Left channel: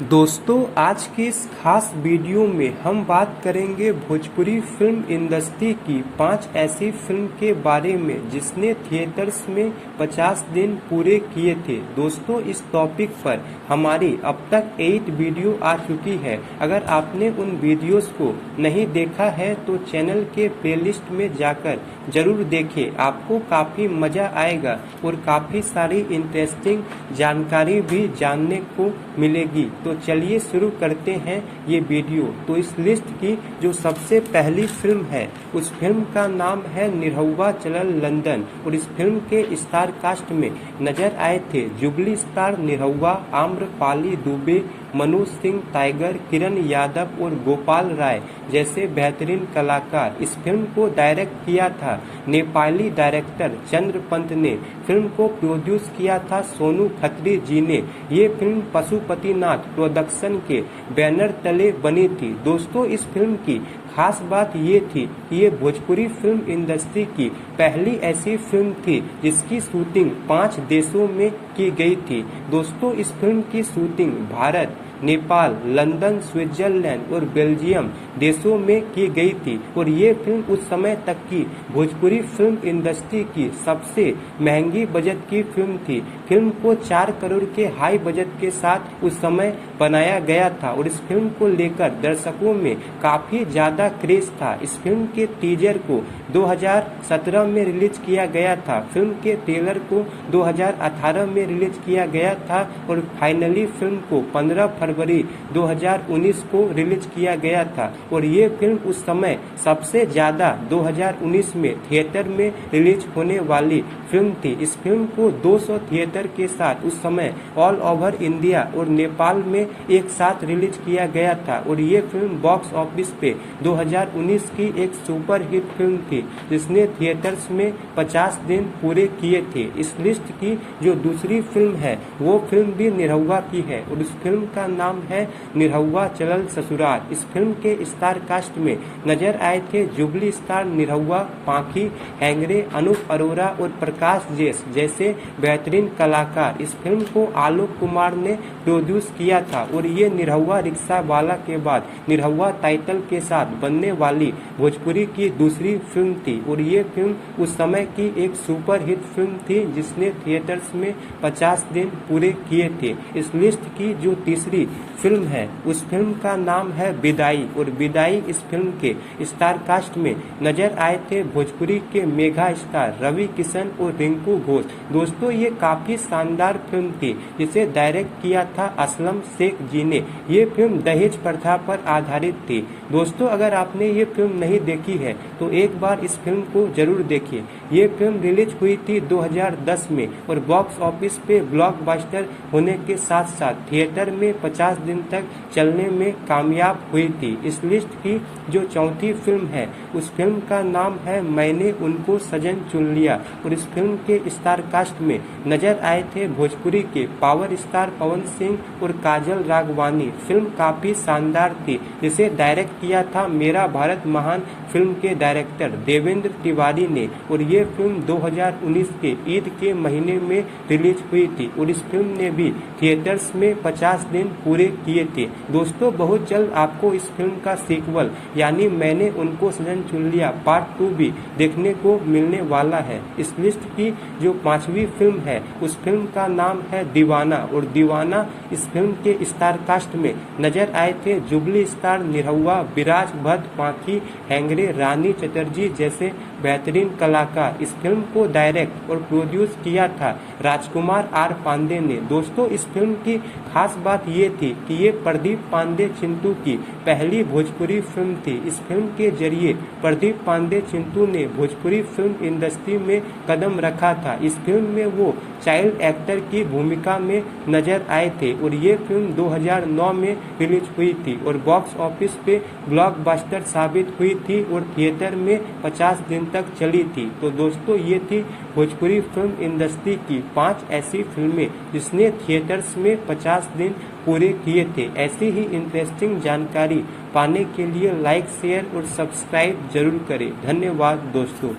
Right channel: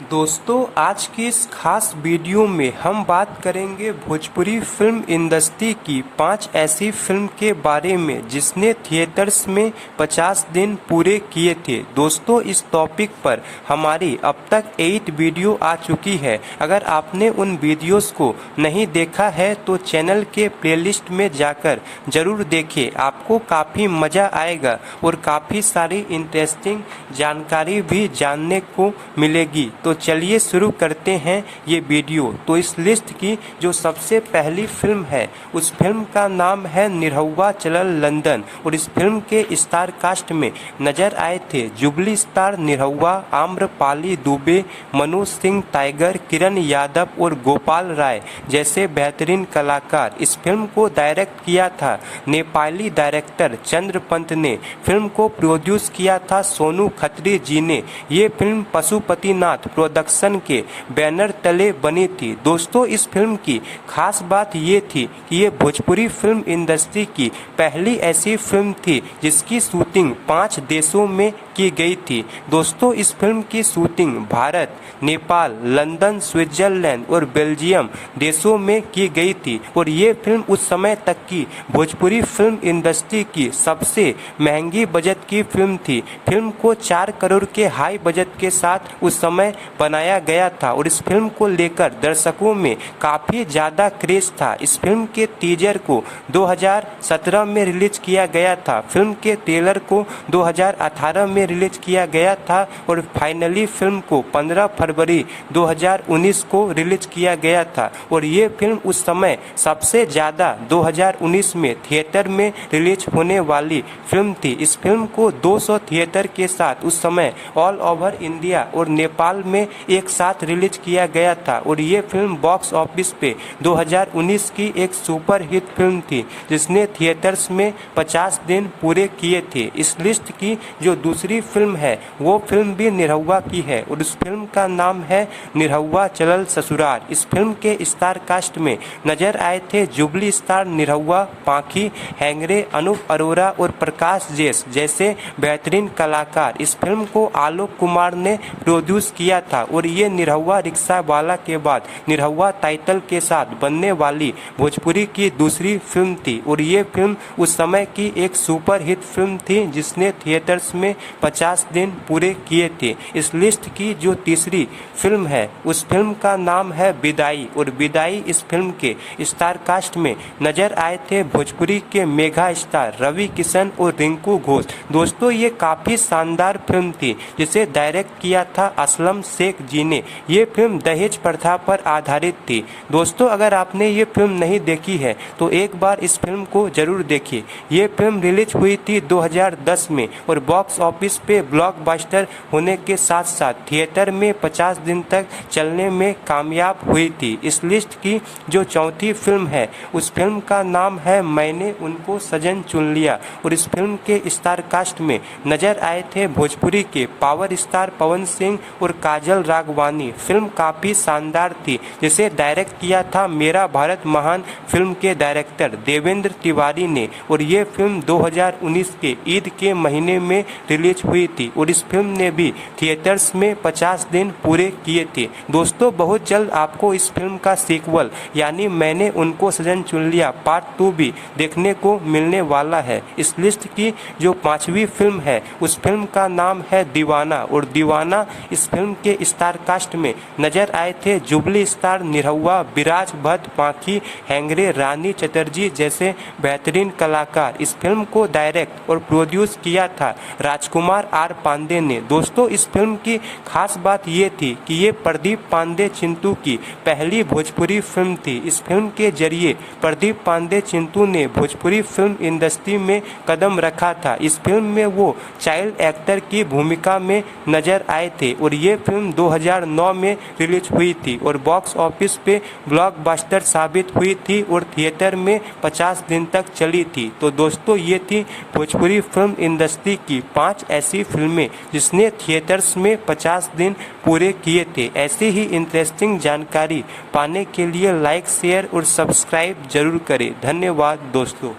दोस्तों, आज की इस खास वीडियो में हम बात करेंगे भोजपुरी फिल्म इंडस्ट्री की 5 ऐसी फिल्म के बारे में जिसने थिएटर्स में 50 दिन पूरे किए थे। दोस्तों, इस टॉपिक पर हमारी अब तक 8 वीडियो आ चुकी है। अगर आपने उन वीडियोस को नहीं देखा है तो चैनल के प्लेलिस्ट में जाकर जरूर देखें। आपको काफ़ी मज़ा आएगा और काफ़ी सारी इंटरेस्टिंग जानकारी भी जानने को मिलेगी। तो चलिए शुरू करते हैं ये वीडियो। तो इस लिस्ट की जो सबसे पहली फिल्म है उस फिल्म का नाम है निरहुआ चलल लंदन और इस फिल्म के स्टार कास्ट में नजर आए थे jubilee star Nirahua, Amrapali Dubey, Manoj Singh tiger, Kiran Yadav और गोपाल राय जैसे बेहतरीन कलाकार। इस फिल्म को डायरेक्ट किया था नेपाली डायरेक्टर चंद्रपंत ने। फिल्म को प्रोड्यूस किया था सोनू खत्री जी ने। ये फिल्म पशुपतिनाथ प्रोडक्शन के बैनर तले बनी थी। दोस्तों, इस फिल्म की खास बात ये थी कि ये भोजपुरी फिल्म इंडस्ट्री की पहली ऐसी फिल्म थी जिसकी शूटिंग 5 देशों में की गई थी। दोस्तों, इस फिल्म की shooting Bharat, Nepal, London, Switzerland और बेल्जियम देशों में की गई थी और ये फिल्म उस समय तक की भोजपुरी फिल्म इंडस्ट्री की सबसे महंगी बजट की फिल्म थी। फिल्म को 4 करोड़ के हाई बजट के साथ उस समय बनाया गया था और इस फिल्म को लेकर दर्शकों में काफ़ी ज़्यादा क्रेज था। इस फिल्म के टीजर को 2017 में रिलीज किया गया था। फिल्म के ट्रेलर को 2018 में रिलीज किया गया था और फाइनली फिल्म को 15 फरवरी 2019 को रिलीज किया गया था और ये फिल्म उस समय सबसे ज़्यादा 2019 में थिएटर में रिलीज होने वाली फिल्म थी। इस फिल्म को 200 थिएटर के साथ उस समय ऑल ओवर इंडिया और नेपाल में एक साथ रिलीज किया गया था और ये फिल्म बॉक्स ऑफिस पे 2019 की एक सुपर हिट फिल्म थी जिसने थिएटर्स में 50 दिन पूरे किए थे। इस लिस्ट की जो दूसरी फिल्म है वो फिल्म भी निरहुआ की है और उस फिल्म का नाम है निरहुआ चलल ससुराल। इस फिल्म के स्टार कास्ट में नजर आए थे जुबली स्टार निरहुआ, पाखी हैंगरे, अनूप अरोरा और प्रकाश जेस जैसे बेहतरीन कलाकार। इस फिल्म को आलोक कुमार ने प्रोड्यूस किया था और ये निरहुआ रिक्शा वाला के बाद निरहुआ टाइटल के साथ बनने वाली भोजपुरी की दूसरी फिल्म थी और ये फिल्म उस समय की एक सुपर हिट फिल्म थी जिसने थिएटर्स में 50 दिन पूरे किए थे। इस लिस्ट की जो तीसरी फिल्म है उस फिल्म का नाम है विदाई और विदाई इस फिल्म के स्टार कास्ट में नजर आए थे भोजपुरी के मेगा स्टार रवि किशन और रिंकू घोष। दोस्तों, ये काफ़ी शानदार फिल्म थी जिसे डायरेक्ट किया था असलम शेख जी ने। ये फिल्म दहेज प्रथा पर आधारित थी। दोस्तों, अगर आपने ये फिल्म नहीं देखी है तो एक बार इस फिल्म को जरूर देखिए। ये फिल्म रिलीज हुई थी 2010 में और बॉक्स ऑफिस पे ब्लॉकबस्टर होने के साथ साथ थिएटर में 50 दिन तक चलने में कामयाब हुई थी। इस लिस्ट की जो चौथी फिल्म है उस फिल्म का नाम है मैंने उनको सजन चुन लिया और इस फिल्म के स्टार कास्ट में नजर आए थे भोजपुरी के पावर स्टार पवन सिंह और काजल राघवानी। फिल्म काफ़ी शानदार थी जिसे डायरेक्ट किया था मेरा भारत महान फिल्म के डायरेक्टर देवेंद्र तिवारी ने और ये फिल्म 2019 के ईद के महीने में रिलीज हुई थी और इस फिल्म ने भी थिएटर्स में 50 दिन पूरे किए थे। दोस्तों, बहुत जल्द आपको इस फिल्म का सीक्वल यानी मैंने उनको सजन चुन लिया पार्ट 2 भी देखने को मिलने वाला है। इस लिस्ट की जो 5वीं फिल्म है उस फिल्म का नाम है दीवाना और दीवाना इस फिल्म के स्टार कास्ट में नजर आए थे जुबली स्टार निरहुआ, विराज भट्ट, पाखी हैंगरे, रानी चटर्जी जैसे बेहतरीन कलाकार। इस फिल्म को डायरेक्ट और प्रोड्यूस किया था राजकुमार आर पांडे ने। दोस्तों, इस फिल्म की खास बात ये थी कि ये प्रदीप पांडे चिंटू की पहली भोजपुरी फिल्म थी। इस फिल्म के जरिए प्रदीप पांडे चिंटू ने भोजपुरी फिल्म इंडस्ट्री में कदम रखा था। इस फिल्म में वो चाइल्ड एक्टर की भूमिका में नजर आए थे और ये फिल्म 2009 में रिलीज हुई थी और बॉक्स ऑफिस पे ब्लॉकबस्टर साबित हुई थी और थिएटर में 50 दिन तक चली थी। तो दोस्तों, ये थी भोजपुरी फिल्म इंडस्ट्री की 5 ऐसी फिल्में जिसने थिएटर्स में 50 दिन पूरे किए थे। ऐसी ही इंटरेस्टिंग जानकारी पाने के लिए लाइक, शेयर और सब्सक्राइब जरूर करें। धन्यवाद दोस्तों।